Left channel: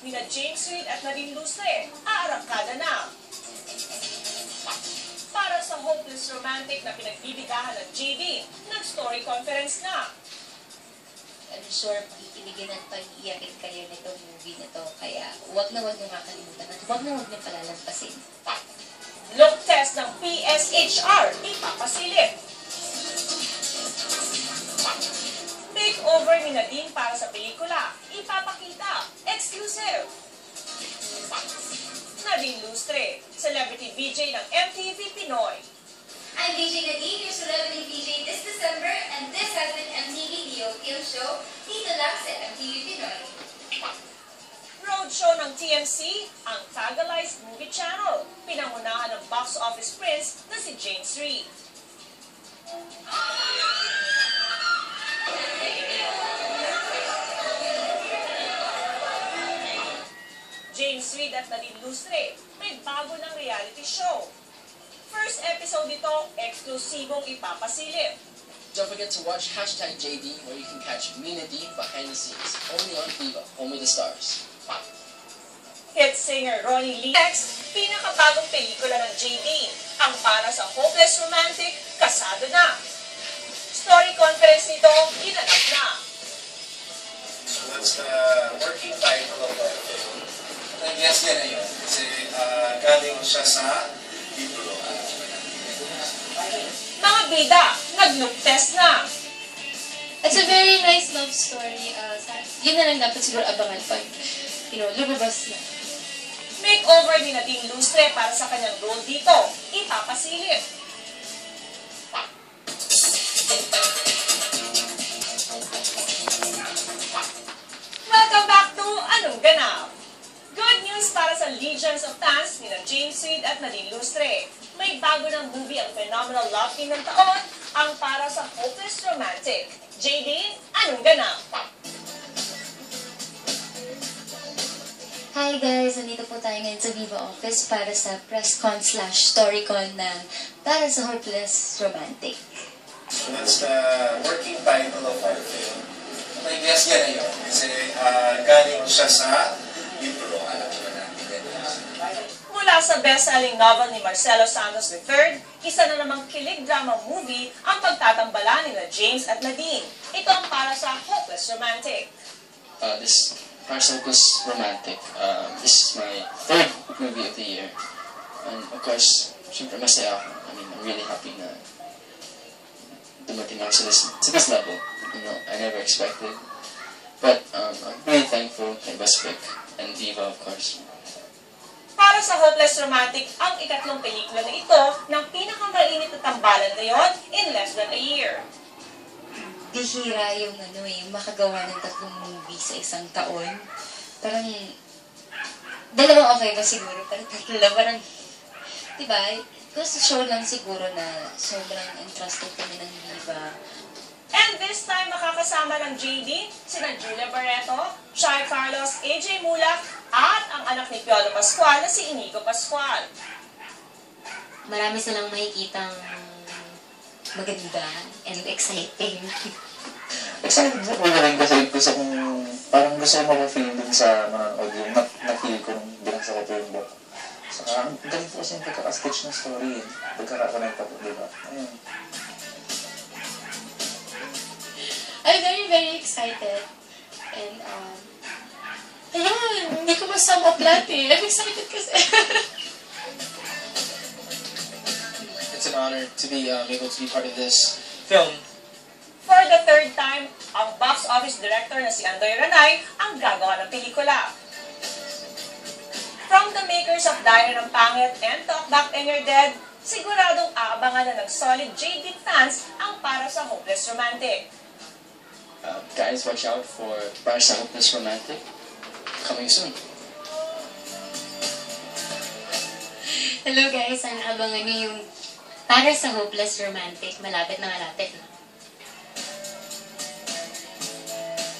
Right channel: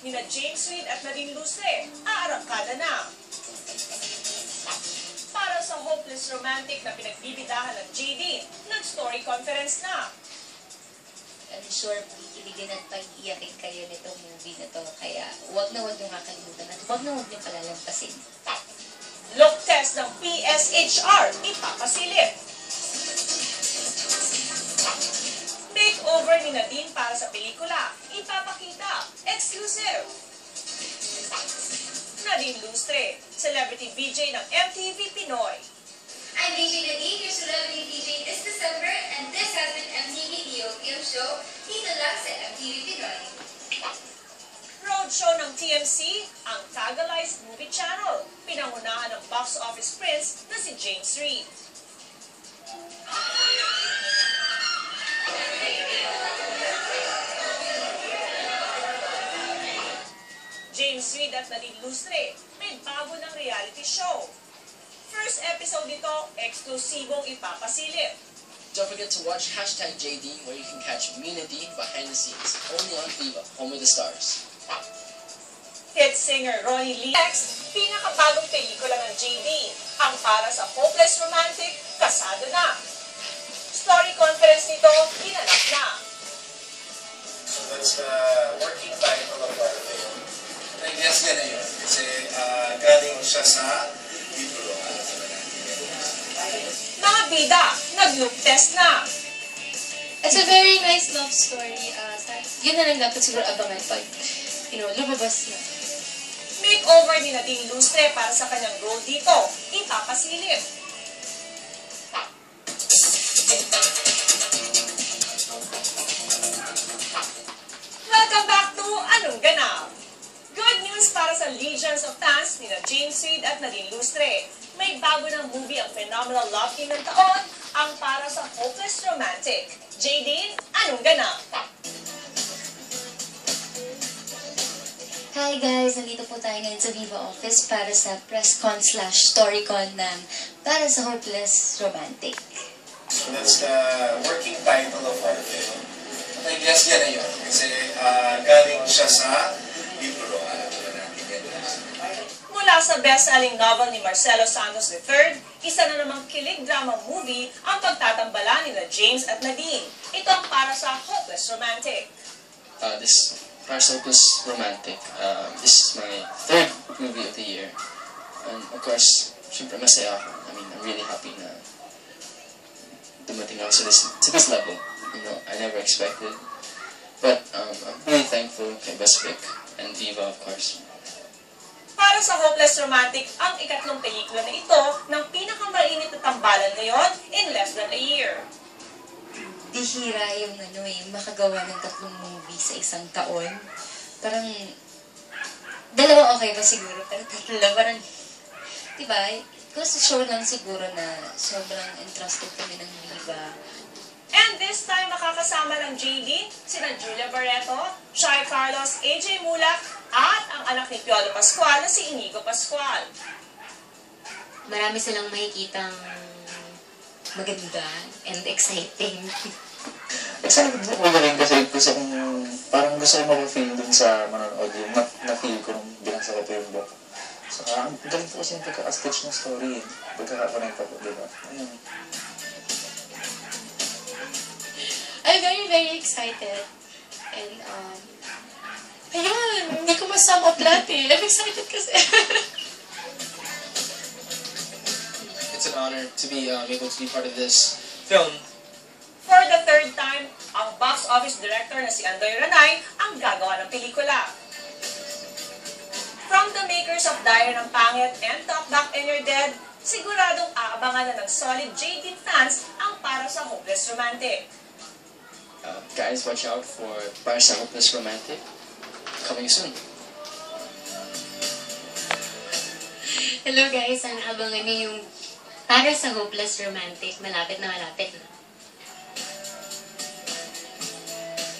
nina James Reid at Nadine Lustre, aarangkada na. Para sa hopeless romantic na pinagbibidahan ng JD, nag-story conference na. I'm sure kikiligin at pag-iyakin kayo nitong movie na to. Kaya huwag na huwag nyo kakalimutan at huwag na huwag nyo palalampasin. Look test ng PSHR, ipapasilip. Makeover ni Nadine para sa pelikula, ipapakita, exclusive. Nadine Lustre, celebrity VJ ng MTV Pinoy. I'm VJ Nadine, your celebrity VJ this December, and this has been MTV Leo Film Show, dito lang sa MTV Pinoy. Roadshow ng TMC, ang Tagalized Movie Channel, pinangunahan ng box office prince na si James Reid. James Reid at Nadine Lustre, may bago ng reality show. First episode nito, eksklusibong ipapasilip. Don't forget to watch #JD where you can catch me and Nadine behind the scenes, only on Viva, Home of the Stars. Hit singer Ronnie Lee. Next, pinakabagong pelikula ng JD, ang para sa hopeless romantic, kasado na. Story conference nito, ginanap na. So that's the working title of our film. Yes, yan na yun. Kasi galing siya sa libro. Mga bida, nag-look test na. It's a very nice love story. Yun na lang dapat siguro abangan pag, lumabas na. Makeover ni Nadine Lustre para sa kanyang role dito, ipapasilip. Welcome back to Anong Ganap? Good news para sa legions of fans nina James Reid at Nadine Lustre. May bago ng movie ang phenomenal love team ng taon, ang para sa hopeless romantic. JD, Anong Ganap? Hi guys! Nandito po tayo ngayon sa Viva Office para sa press con/storycon ng para sa hopeless romantic. So that's the working title of our film. Yes, yan na yun. Kasi galing siya sa libro. Alam naman natin yan. Mula sa best-selling novel ni Marcelo Santos III, isa na namang kilig drama movie ang pagtatambala ni James at Nadine. Ito ang para sa hopeless romantic. This para sa hopeless romantic. This is my third movie of the year. And of course, syempre masaya ako. I mean, I'm really happy na dumating ako to this level. You know, I never expected. But I'm really thankful kay Best Pick and Viva, of course. Para sa hopeless romantic, ang ikatlong pelikula na ito ng pinakamainit na tambalan ngayon in less than a year. Bihira yung makagawa ng 3 movie sa isang taon. Parang, 2 okay ba siguro, pero 3 parang, diba? Kasi show lang siguro na sobrang entrusted kami ng Viva. And this time, makakasama ng JD, sina Julia Barreto, Shai Carlos, AJ Mulak, at ang anak ni Piolo Pascual na si Inigo Pascual. Marami silang makikitang maganda and exciting. Excited ako galing kasi parang gusto ko mag-feel din sa manonood yung na-feel ko nung binasa ko yung book. Saka ang galing po kasi yung pagkaka-sketch ng story, pagkaka-connecta po, diba? Ayun. I'm very, very excited. And, ayan, hindi ko masum up lahat eh. I'm excited kasi. It's an honor to be able to be part of this film. For the third time, ang box office director na si Andoy Ranay ang gagawa ng pelikula. From the makers of Diary ng Pangit and Talk Back and You're Dead, siguradong aabangan na ng solid JD fans ang para sa hopeless romantic. Guys, watch out for Para sa Hopeless Romantic, coming soon. Hello guys, sana abangan niyo yung Para sa Hopeless Romantic. Malapit na malapit na.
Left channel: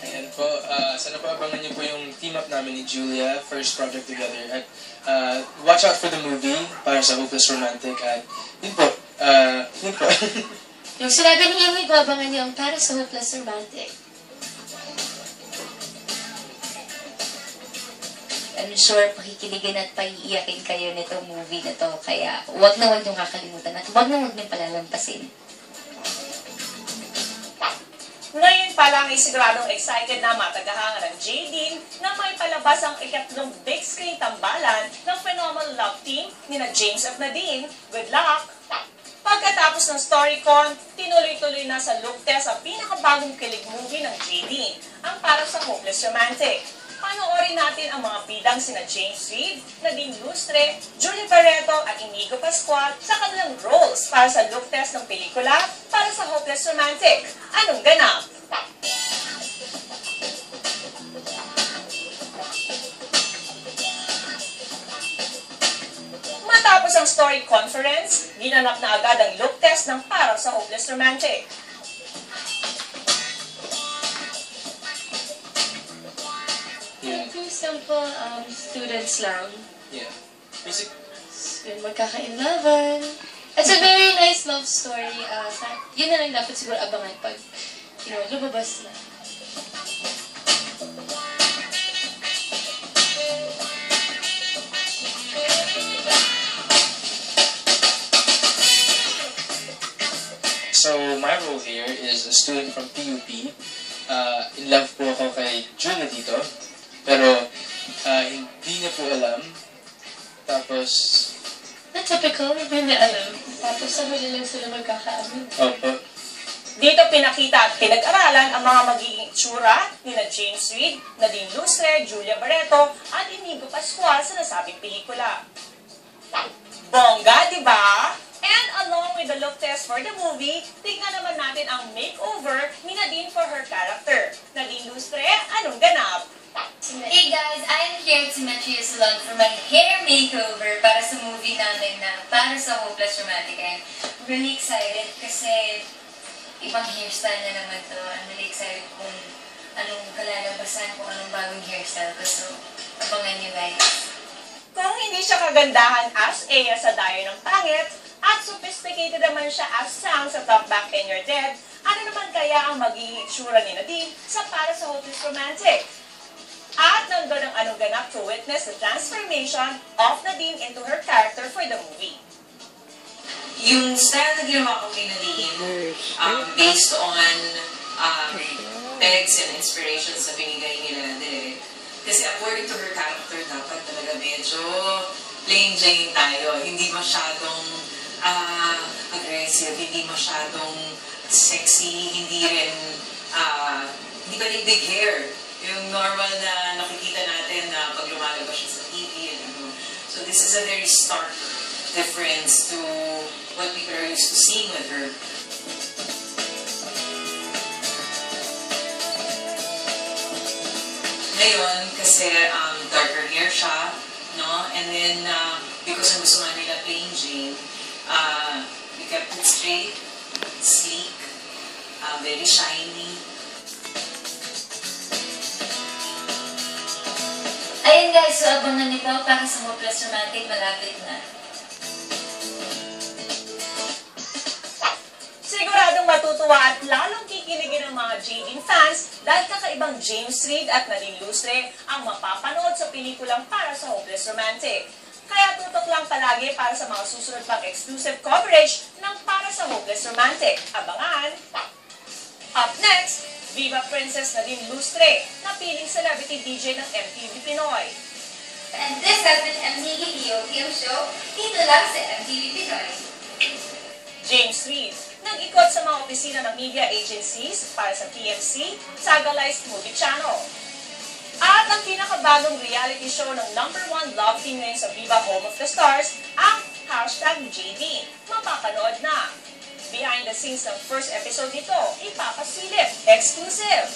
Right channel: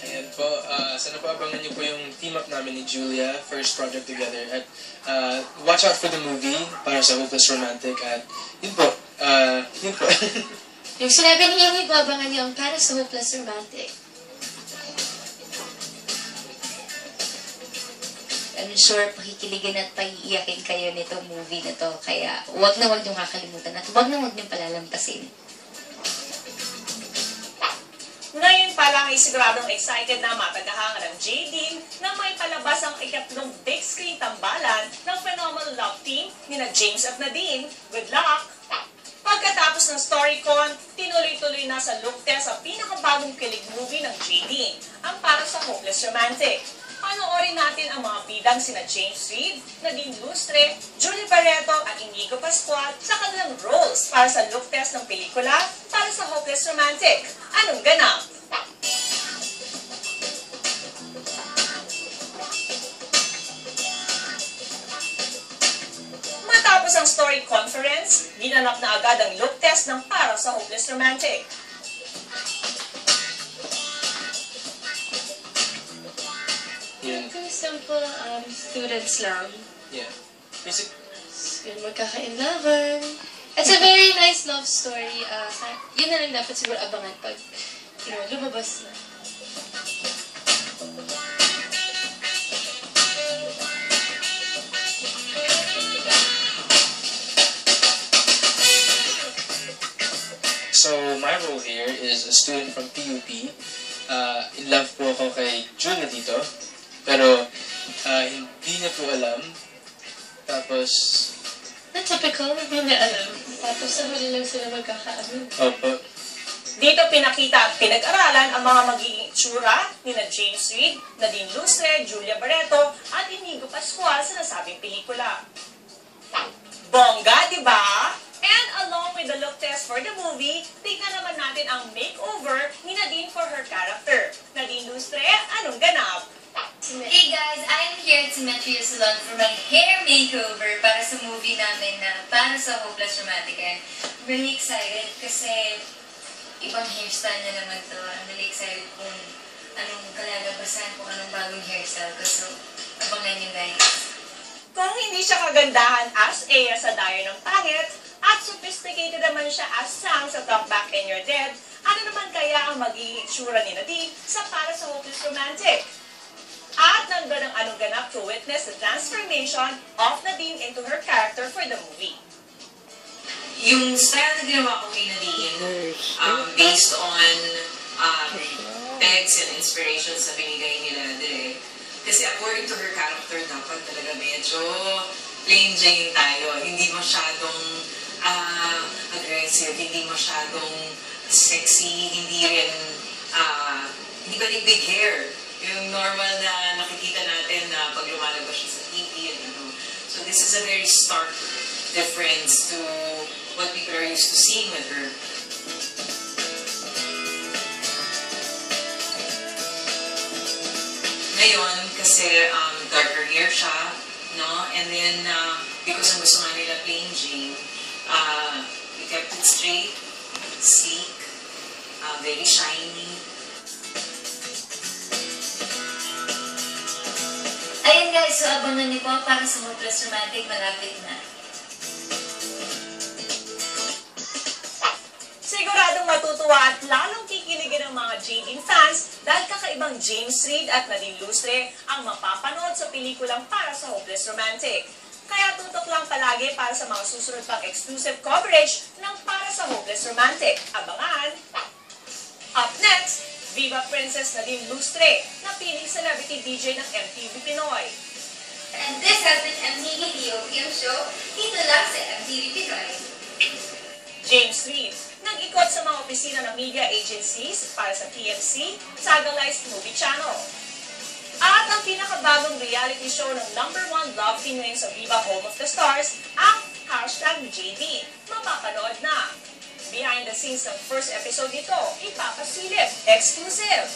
Ayan po, sana po abangan niyo po yung team up namin ni Julia, first project together. At watch out for the movie, Para sa Hopeless Romantic. At yun po, yun po. Yung sinabi niyo yung ibabangan niyo ang Para sa Hopeless Romantic. I'm sure pakikiligan at paiiyakin kayo nitong movie na to. Kaya wag na wag niyong kakalimutan at wag na wag niyong palalampasin. Ngayon pa lang ay siguradong excited na matagahangan ng J.D. na may palabas ang ikatlong big screen tambalan ng phenomenal love team ni na James at Nadine. Good luck! Pagkatapos ng StoryCon, tinuloy-tuloy na sa look test ang pinakabagong kilig movie ng J.D., ang Para sa Hopeless Romantic. Panoorin natin ang mga bidang sina James Reid, Nadine Lustre, Julie Barreto at Inigo Pascual sa kanilang roles para sa look test ng pelikula Para sa Hopeless Romantic. Anong ganap? Matapos ang story conference, ginanap na agad ang look test ng Para sa Hopeless Romantic. Simple students lang. Yeah. Basic. Yun, magkaka-in-lover. It's a very nice love story. Yun na lang dapat siguro abangan pag, lumabas na. So, my role here is a student from PUP. In love po ako kay Julia dito. Pero, hindi niya po alam. Tapos... Na typical, hindi alam. Tapos sa huli lang sila magkakaamin. Opo. Dito pinakita at pinag-aralan ang mga magiging itsura ni na James Reid, Nadine Lustre, Julia Barreto at Inigo Pascual sa nasabing pelikula. Bongga, di ba? And along with the look test for the movie, tignan naman natin ang makeover ni Nadine for her character. Nadine Lustre, anong ganap? Hey guys, I'm here at Symmetria Salon for my hair makeover para sa movie namin na Para sa Hopeless Romantic. I'm really excited kasi ibang hairstyle na naman to. I'm really excited kung anong kalalabasan, kung anong bagong hairstyle ko. So, abangan nyo guys. Kung hindi siya kagandahan as Aya sa Dayo ng Pangit, at sophisticated naman siya as Sam sa Talk Back and You're Dead, ano naman kaya ang magiging itsura ni Nadine sa Para sa Hopeless Romantic? At nandun ang anong ganap to witness the transformation of Nadine into her character for the movie. Yung style na ginawa ko kay Nadine, based on texts and inspirations na binigay nila din. Kasi according to her character, dapat talaga medyo plain Jane tayo. Hindi masyadong aggressive, hindi masyadong sexy, hindi rin, hindi pa rin big hair. Yung normal na nakikita natin na pag lumalabas siya sa TV and ano. So this is a very stark difference to what people are used to seeing with her. Ngayon, kasi darker hair siya, no? And then, because ang gusto nga nila plain Jane, we kept it straight, sleek, very shiny. Ayun guys, so abangan niyo po Para sa Hopeless Romantic, malapit na. Siguradong matutuwa at lalong kikiligin ng mga J.D. fans dahil kakaibang James Reid at Nadine Lustre ang mapapanood sa pelikulang Para sa Hopeless Romantic. Kaya tutok lang palagi para sa mga susunod pang exclusive coverage ng Para sa Hopeless Romantic. Abangan! Up next, Viva Princess Nadine Lustre, napiling celebrity DJ ng MTV Pinoy. And this has been MTV POPM show, dito lang sa MTV Pinoy. James Reid, nag-ikot sa mga opisina ng media agencies para sa TMC, Sagalized Movie Channel. At ang pinakabagong reality show ng #1 love team ngayon sa Viva Home of the Stars, ang #JD. Mapapanood na. Behind the scenes ng first episode nito, ipapasilip, exclusive.